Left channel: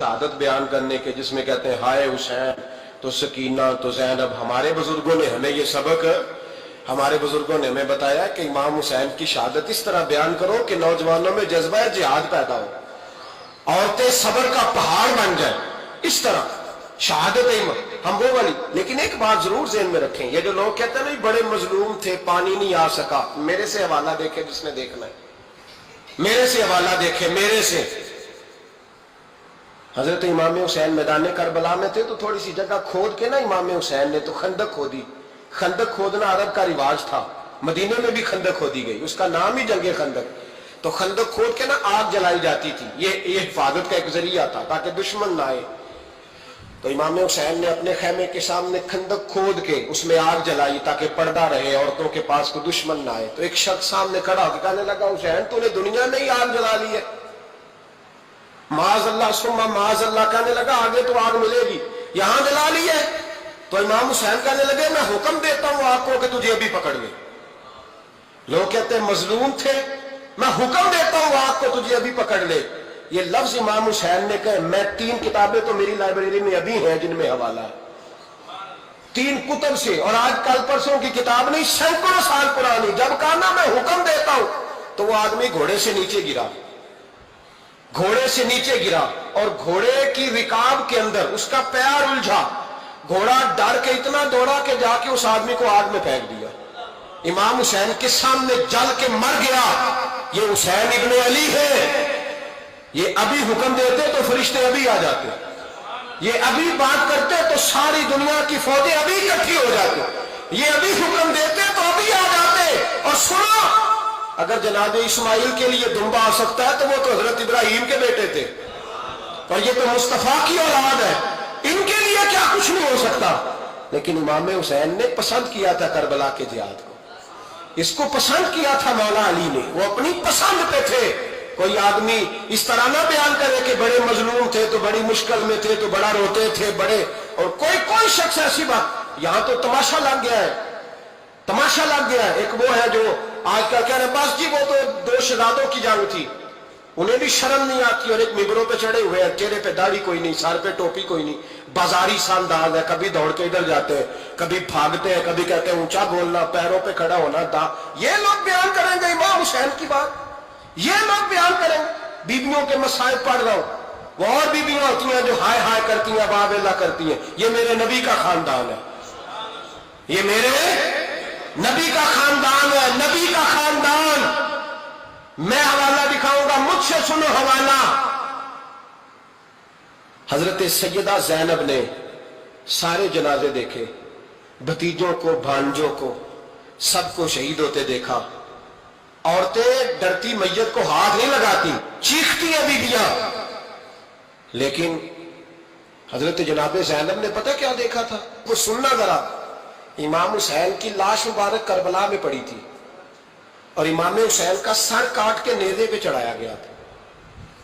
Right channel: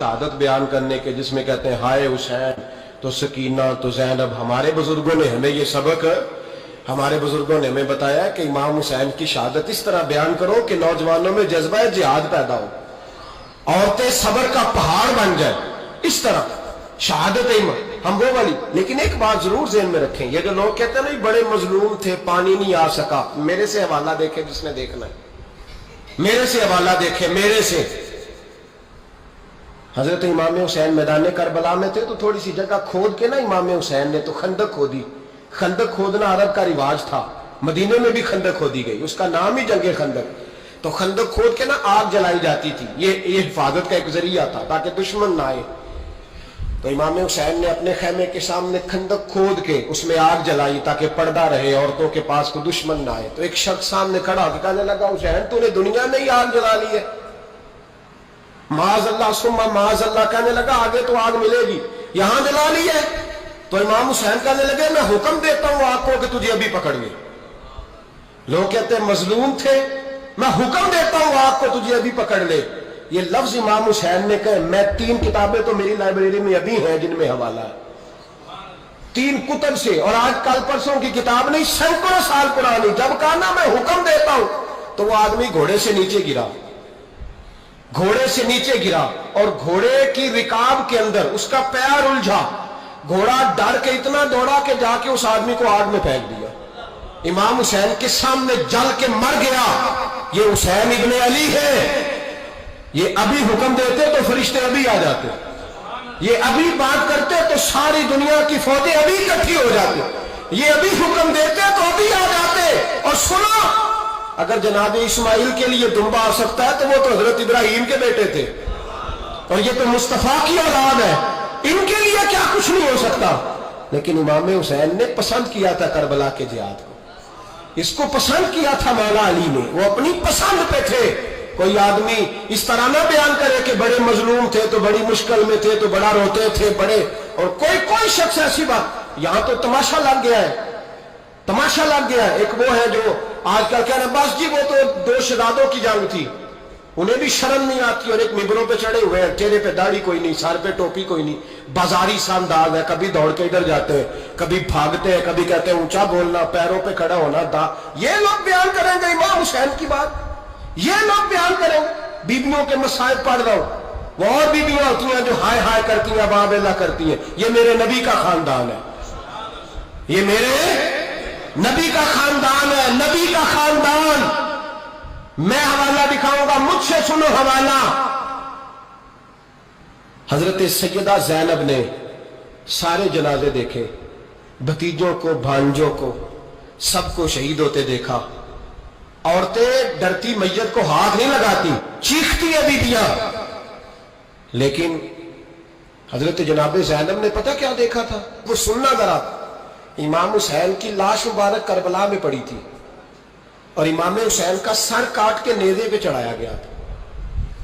शहादत बयान करने के, जिसमें कहते हैं हाय हुसैन तो सकीना तो ज़ैनब। हमारे बुजुर्गों ने हमें ये सबक, हमारे बुजुर्गों ने हमें बताया कि इमाम हुसैन की शहादत इस तरह बयान करो कि नौजवानों में जज्बा जिहाद पैदा हो, औरतें सब्र का पहाड़ बन जाए, इस तरह शहादत हम वो वाली। लेकिन एक बात जरूर ज़हन में रखें, ये जो लोग कहते हैं ना बड़े मजलूम थे, पानी नहीं आ सका, मेरे से हवाला देखे जिसने देखना है, मेरे से हवाला देखे, मेरे से। हजरत इमाम हुसैन मैदान करबला में थे तो थोड़ी सी जगह खोद के ना इमाम हुसैन ने तो खंदक खोदी। खंदक खोदना अरब का रिवाज था, मदीने में भी खंदक खोदी गई, उसका नाम ही जंगे खंदक। तो खंदक खोद के ना आग जलाई जाती थी, ये हिफाजत का एक जरिया था ताकि दुश्मन ना आए। तो इमाम हुसैन ने अपने खैमे के सामने खंदक खोद के उसमें आग जलाई ताकि पर्दा रहे, औरतों के पास कोई दुश्मन ना आए। तो एक शख्स सामने खड़ा होकर कहने लगा, हुसैन तूने दुनिया में ही आग जला ली है। माज़अल्लाह सुम्मा माज़अल्लाह कहने लगा, आगे तो आग मिलेगी, यहां जला ली है। तो इमाम हुसैन कहने लगे, मैं हुक्म देता हूं आग को कि तुझे अभी पकड़ ले। लोग कहते हैं मजलूम थे, मैं हुक्म देता हूं आग को तुझे अभी पकड़ ले। ये लफ्ज इमाम हुसैन ने कहे। मैं 3 किताबें तो मेरी लाइब्रेरी में अभी हैं जिनमें हवाला है, 3 कुतब से, और आज कल परसों की किताब नहीं, सैकड़ों साल पुरानी। जब कहा ना मैं हुक्म देता हूं, तो वो आदमी घोड़े से नीचे गिरा, घोड़े से नीचे गिरा, और घोड़े की रिकाब के अंदर उसका पैर उलझा। घोड़ा डर के इतना दौड़ा कि जाके उस आदमी को आग में फेंक दिया। इमाम हुसैन के सामने जल के मर गया। ये हुसैन इब्ने अली है, ये अभी हुक्म देते तो फरिश्ते अभी आ जाते, ये अभी बात करते तो सारी दुनिया की फौजें अभी इकट्ठी हो जाती, ये अभी हुक्म देते तो अभी आ जाते। और सुनो, अगर जनाब इस्माइल के लिए दुम्बा आ सकता है तो वो तो हजरत इब्राहिम के बेटे थे, और ये तो मुस्तफा की औलाद है, इनके लिए क्या कुछ नहीं हो सकता। लेकिन इमाम हुसैन ने पसंद किया था करबला के जिहाद को, इसको पसंद किया था मौला अली ने, वो अपनी पसंद पे थे। कोई आदमी इस तरह ना बयान करे कि बड़े मजलूम थे तो बड़ी मुश्किल में थे तो बड़ा रोते थे बड़े, और कोई शख्स ऐसी बात। यहां तो तमाशा लग गया है, तमाशा लग गया है। एक वो है जो आजकल कह रहे हैं बस जी वो तो 2 शहजादों की जंग थी, उन्हें भी शर्म नहीं आती, और एक मिंबरों पे चढ़े हुए हैं, चेहरे पे दाढ़ी कोई नहीं, सर पे टोपी कोई नहीं, बाजारी सा अंदाज है, कभी दौड़ के इधर जाते हैं, कभी भागते हैं, कभी कहते हैं ऊंचा बोलना, पैरों पे खड़ा होना, ये लोग बयान करेंगे इमाम हुसैन की बात, ये लोग बयान करेंगे। बीबियों के मसाइब पढ़ रहा हूं, वो और बीबियां होती हैं जो हाय हाय करती हैं, बाबेला करती हैं। ये मेरे नबी का खानदान है, ये मेरे नबी का खानदान है, नबी का खानदान। मैं हवाला दिखाऊंगा, मुझसे सुनो हवाला। हजरत सैयदा ज़ैनब ने सारे जनाजे देखे, भतीजों को, भांजों को, सबको शहीद होते देखा। औरतें डरती मैयत को हाथ नहीं लगाती, चीखती है बीबियां। लेकिन हजरत जनाब ज़ैनब ने पता क्या देखा था, वो सुनना जरा। इमाम हुसैन की लाश मुबारक करबला में पड़ी थी, और इमाम हुसैन का सर काट के नेज़े पे चढ़ाया गया था,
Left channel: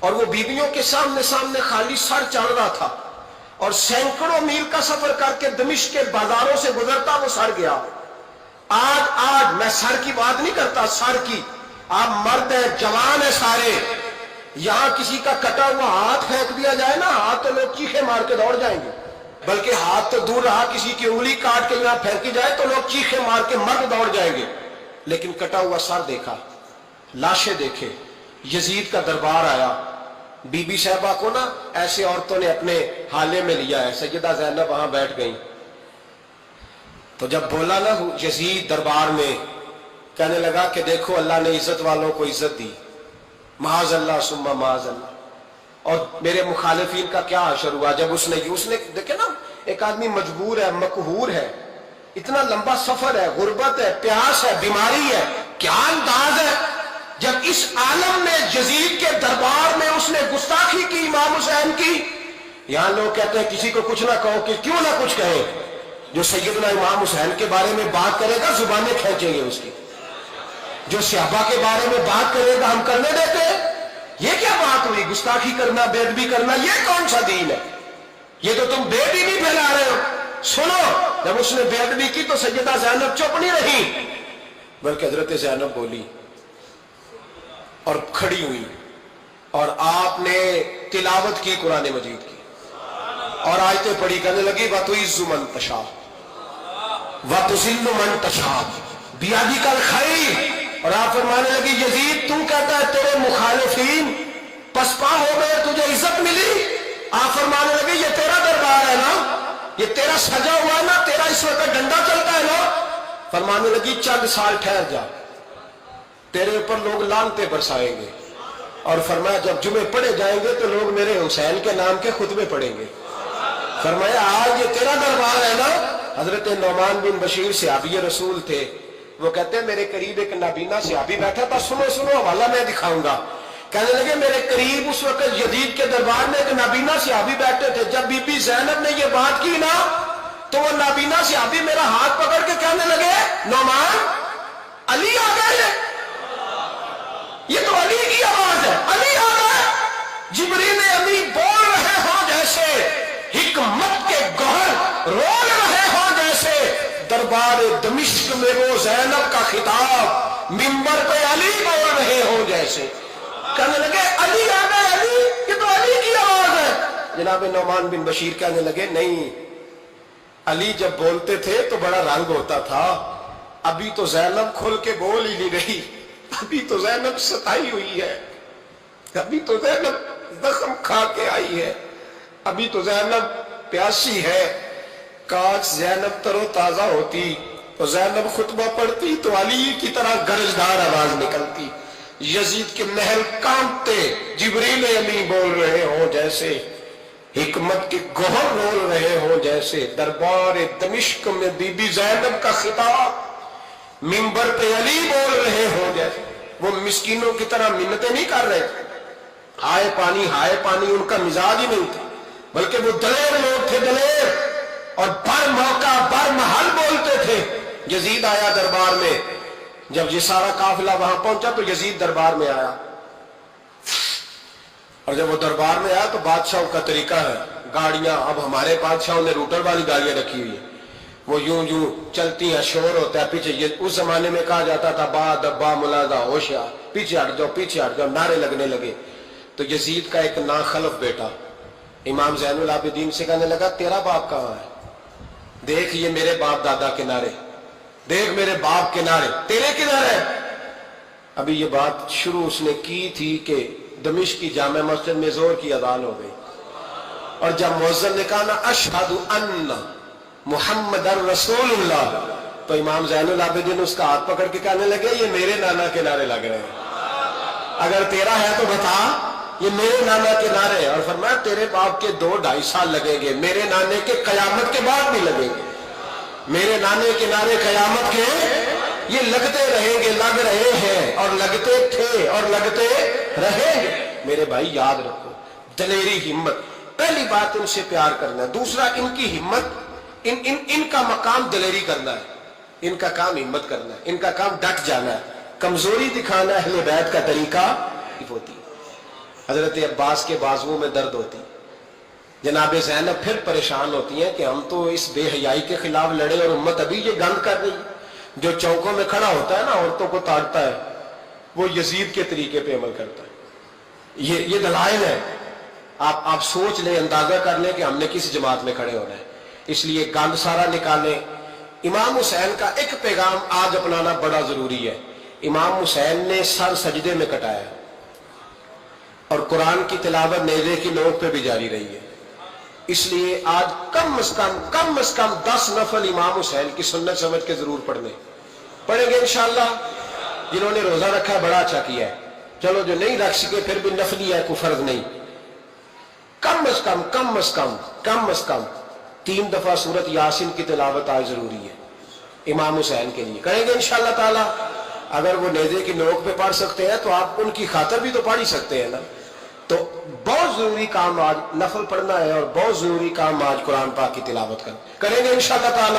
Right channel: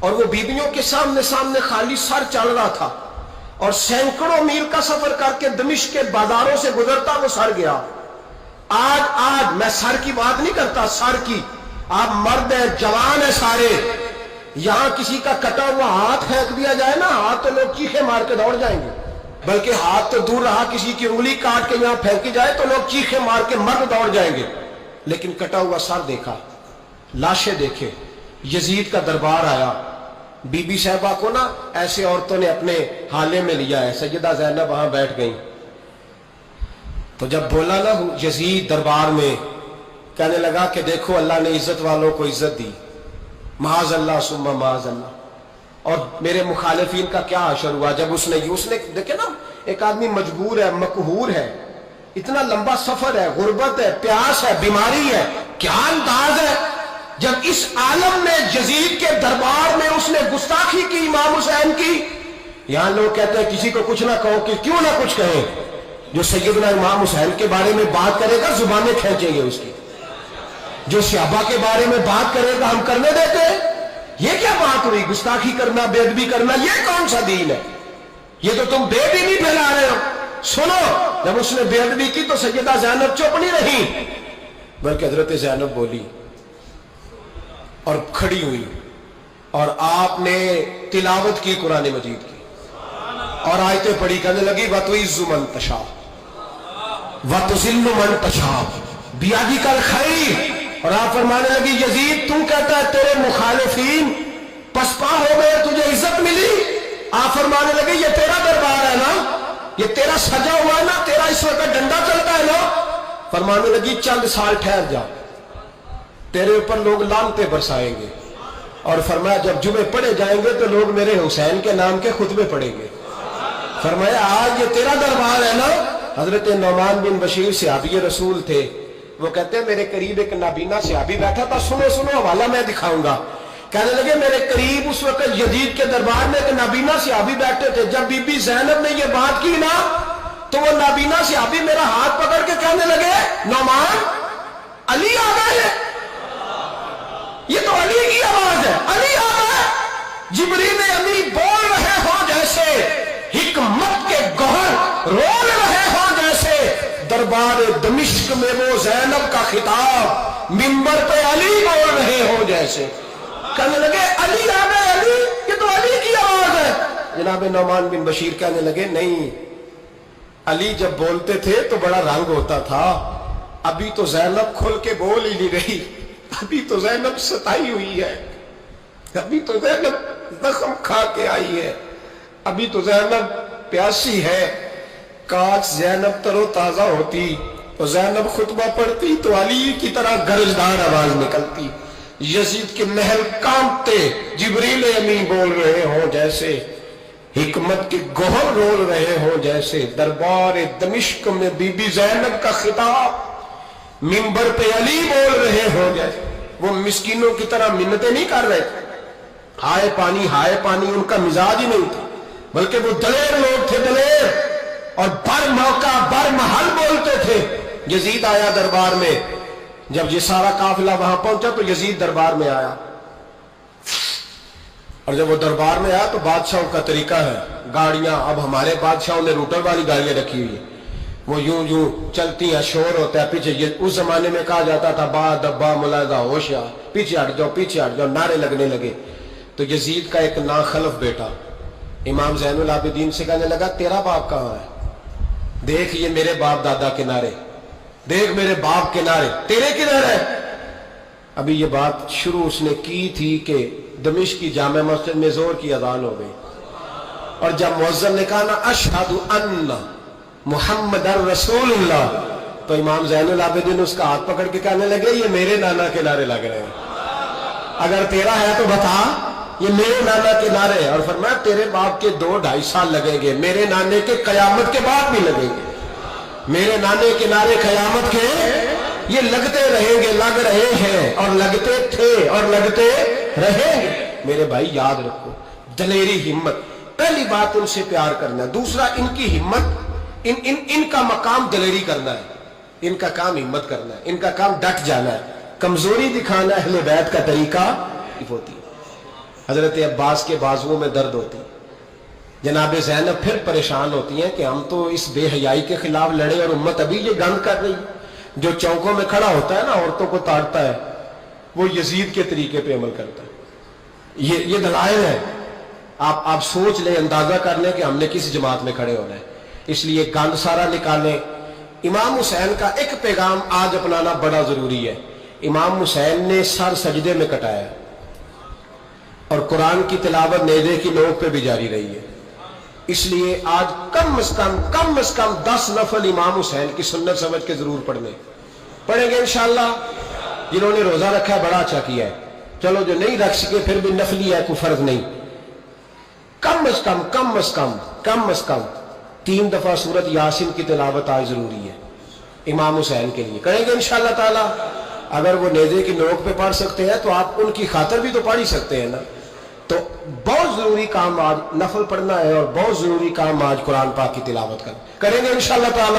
और वो बीबियों के सामने सामने खाली सर चल रहा था, और सैकड़ों मील का सफर करके दमिश्क के बाजारों से गुजरता वो सर गया। आज मैं सर की बात नहीं करता, सर की, आप मर्द हैं, जवान है सारे, यहां किसी का कटा हुआ हाथ फेंक दिया जाए ना, हाथ तो लोग चीखे मार के दौड़ जाएंगे, बल्कि हाथ तो दूर रहा, किसी की उंगली काट के यहां फेंकी जाए तो लोग चीखे मार के मर्द दौड़ जाएंगे। लेकिन कटा हुआ सर देखा, लाशें देखे। यजीद का दरबार आया, बीबी साहबा को ना ऐसे औरतों ने अपने हाले में लिया है, सैयदा ज़ैनब वहां बैठ गई। तो जब बोला ना यजीद दरबार में, कहने लगा कि देखो अल्लाह ने इज्जत वालों को इज्जत दी, माज़अल्लाह सुम्मा माज़अल्लाह। और मेरे मुखालिफिन का क्या असर हुआ जब उसने देखे ना, एक आदमी मजबूर है, मकहूर है, इतना लंबा सफर है, गुर्बत है, प्यास है, बीमारी है, क्या अंदाज है। जब इस आलम में यजीद के दरबार में उसने गुस्ताखी की इमाम हुसैन की। यहां लोग कहते हैं किसी को कुछ ना कहो, कि क्यों ना कुछ कहें, जो सैयदना इमाम हुसैन के बारे में बात करेगा जुबानें खींचेंगे उसकी, जो सहाबा के बारे में बात करेगा हम करने देते हैं। ये क्या बात हुई, गुस्ताखी करना, बेअदबी करना, ये कौन सा दीन है, ये तो तुम बेदीनी फैला रहे हो। सुनो, जब उसने बेअदबी की तो सैयदा ज़ैनब चुप नहीं रही, बल्कि हजरत ज़ैनब बोली और खड़ी हुई। اور آپ نے تلاوت کی قرآن مجید کی اور آیتیں پڑھی، کہنے لگی وَتُعِزُّ مَن تَشَاءُ وَتُذِلُّ مَن تَشَاءُ بِیَدِکَ الْخَیْرُ، اور آپ فرمانے لگی یزید تو کہتا ہے تیرے مخالفین پسپا ہو گئے، تجھے عزت ملی۔ آپ فرمانے لگے یہ تیرا دربار ہے نا، یہ تیرا سجا ہوا ہے نا، تیرا اس وقت ڈنڈا چلتا ہے نا۔ فرمانے لگی چند سال ٹھہر جا، تیرے اوپر لوگ لعنتیں برسائیں گے، اور فرمایا جب جمعے پڑھے جائیں گے تو لوگ میرے حسین کے نام کے خطبے پڑھیں گے۔ فرمایا آج یہ تیرا دربار ہے نا۔ حضرت نعمان بن بشیر صحابی رسول تھے، وہ کہتے ہیں میرے قریب ایک نابینا صحابی بیٹھا تھا، سنو سنو حوالہ میں دکھاؤں گا۔ کہنے لگے میرے قریب اس وقت یزید کے دربار میں ایک نابینا صحابی بیٹھے تھے، جب بی بی زینب نے یہ بات کی نا تو وہ نابینا صحابی میرا ہاتھ پکڑ کے کہنے لگے نعمان علی آ گئے ہیں، یہ تو علی کی آواز ہے، علی آ گئے۔ جبریل امین بول رہے ہو جیسے، حکمت کے گوہر رول رہے ہو جیسے، دربار دمشق میں وہ زینب کا خطاب منبر پہ علی بول رہے ہو جیسے۔ کہنے لگے علی آ گئے، علی، یہ تو علی کی آواز ہے۔ جناب نعمان بن بشیر کہنے لگے نہیں، علی جب بولتے تھے تو بڑا رنگ ہوتا تھا، ابھی تو زینب کھل کے بول ہی نہیں رہی، ابھی تو زینب ستائی ہوئی ہے، ابھی تو زینب زخم کھا کے آئی ہے، ابھی تو زینب پیاسی ہے۔ کاش زینب تر و تازہ ہوتی تو زینب خطبہ پڑھتی تو علی کی طرح گرجدار آواز نکلتی۔ یزید کے محل کانپتے، جبریل امین بول رہے ہوں جیسے، حکمت کے گوہر رول رہے ہوں جیسے، دربار دمشق میں بی بی زینب کا خطاب منبر پہ علی بول رہے ہوں جیسے۔ وہ مسکینوں کی طرح منتیں نہیں کر رہے تھے، ہائے پانی ان کا مزاج ہی نہیں تھا، بلکہ وہ دلیر لوگ تھے، دلیر، اور بر موقع بر محل بولتے تھے۔ یزید آیا دربار میں، جب یہ سارا قافلہ وہاں پہنچا تو یزید دربار میں آیا، اور جب وہ دربار میں آیا تو بادشاہوں کا طریقہ ہے، گاڑیاں اب ہمارے بادشاہوں نے روٹر والی گاڑیاں رکھی ہوئی ہیں، وہ یوں چلتی ہیں، شور ہوتا ہے پیچھے۔ اس زمانے میں کہا جاتا تھا با دبا ملازہ ہوشیار، پیچھے ہٹ جاؤ، نعرے لگنے لگے۔ تو یزید کا ایک ناخلف بیٹا امام زین العابدین سے کہنے لگا تیرا باپ کہاں ہے؟ دیکھ یہ میرے باپ دادا کے نعرے، دیکھ میرے باپ کے نعرے، تیرے کدھر ہے؟ ابھی یہ بات شروع اس نے کی تھی کہ دمشق کی جامع مسجد میں زور کی اذان ہو گئی، اور جب مؤذن نے کہا نا اشہد ان محمد رسول اللہ، تو امام زین العابدین اس کا ہاتھ پکڑ کے کہنے لگے یہ میرے نانا کے نعرے لگ رہے ہیں، اگر تیرا ہے تو بتا، یہ میرے نانا کے نعرے ہیں۔ اور فرمایا تیرے باپ کے 2-2.5 سال لگیں گے، میرے نانے کے قیامت کے بعد بھی لگیں گے، میرے نانے کے نعرے قیامت کے یہ لگتے رہیں گے، لگ رہے ہیں اور لگتے تھے اور لگتے رہیں گے۔ میرے بھائی یاد رکھو، دلیری، ہمت، پہلی بات ان سے پیار کرنا ہے، دوسرا ان کی ہمت، ان کا مقام دلیری کرنا ہے، ان کا کام ہمت کرنا ہے، ان کا کام ڈٹ جانا ہے، کمزوری دکھانا اہل بیت کا طریقہ ہوتی ہے۔ حضرت عباس کے بازوؤں میں درد ہوتی، جناب زینب پھر پریشان ہوتی ہیں کہ ہم تو اس بے حیائی کے خلاف لڑے اور امت ابھی یہ گند کر رہی ہے۔ جو چوکوں میں کھڑا ہوتا ہے نا عورتوں کو تاڑتا ہے، وہ یزید کے طریقے پہ عمل کرتا ہے۔ یہ دلائل ہے، آپ سوچ لیں، اندازہ کر لیں کہ ہم نے کس جماعت میں کھڑے ہونا ہے۔ اس لیے گند سارا نکالیں۔ امام حسین کا ایک پیغام آج اپنانا بڑا ضروری ہے۔ امام حسین نے سر سجدے میں کٹایا اور قرآن کی تلاوت نیزے کی نوک پہ بھی جاری رہی ہے۔ اس لیے آج کم از کم 10 نفل امام حسین کی سنت سمجھ کے ضرور پڑھیں گے انشاءاللہ۔ جنہوں نے روزہ رکھا ہے بڑا اچھا کیا ہے، چلو جو نہیں رکھ سکے پھر بھی نفلی ہے، کوئی فرض نہیں۔ کم از کم 3 دفعہ سورت یاسین کی تلاوت آج ضروری ہے امام حسین کے لیے، کریں گے انشاءاللہ تعالی۔ اگر وہ نیزے کی نوک پہ پڑھ سکتے ہیں تو آپ ان کی خاطر بھی تو پڑھ ہی سکتے ہیں نا۔ تو بہت ضروری کام آج نفل پڑھنا ہے، اور بہت ضروری کام آج قرآن پاک کی تلاوت کریں گے انشاءاللہ تعالی۔